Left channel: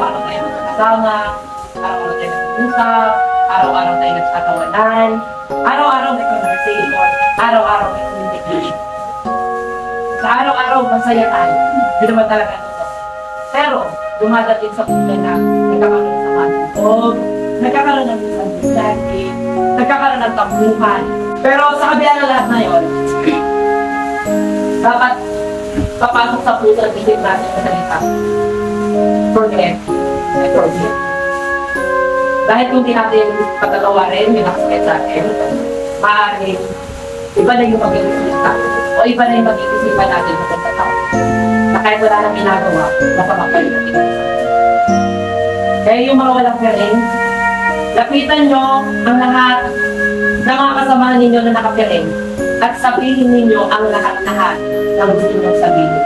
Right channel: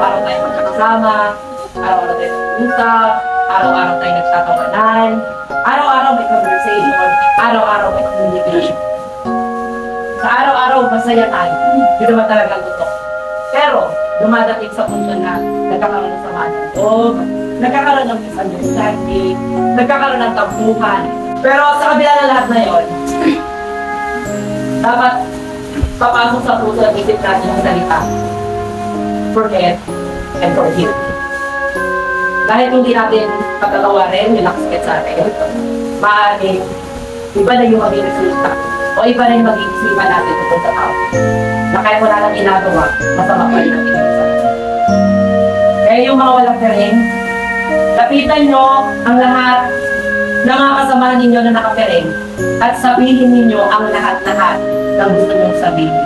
araw-araw tayo magkakasama, araw-araw tayo nag-usap, araw-araw tayo nagtatawanan, araw-araw may conversation, araw-araw may communication. Sa araw-araw, masaya tayo. Yun naman talaga ang gusto. Pero, dumadating sa punto na nagkakaroon ng sama ng loob, nagkakaroon ng misunderstanding, nagkakaroon ng tampuhan. Pero sa kabila ng lahat na yun, dapat papasok sa puso at isip natin ang salita. Forget and forgive. Dahil kung di natin patatawarin yung nakasakit sa atin, maaaring iba na yung maging resulta o iba na yung maging isipan natin tungkol sa tao. Na kahit wala nang ginagawa, masama pa rin natin sa atin. Kaya yung mga walang piring, lapitan nyo ang lahat ng mga kasamahan ninyo na nakapiring at sabihin ninyo ang lahat-lahat ng gusto mong sabihin.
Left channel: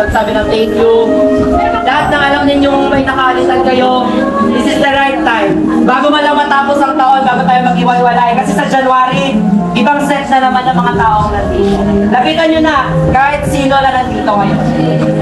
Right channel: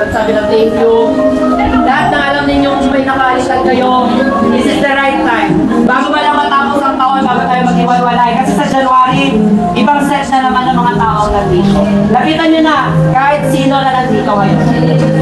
Magsabi ng thank you. Lahat na alam ninyong may nakaalitan kayo, this is the right time. Bago man lang matapos ang taon, bago tayo mag-iwalay. Kasi sa January, ibang set na naman ng mga tao ang nandito. Lapitan nyo na, kahit sino na nandito ngayon.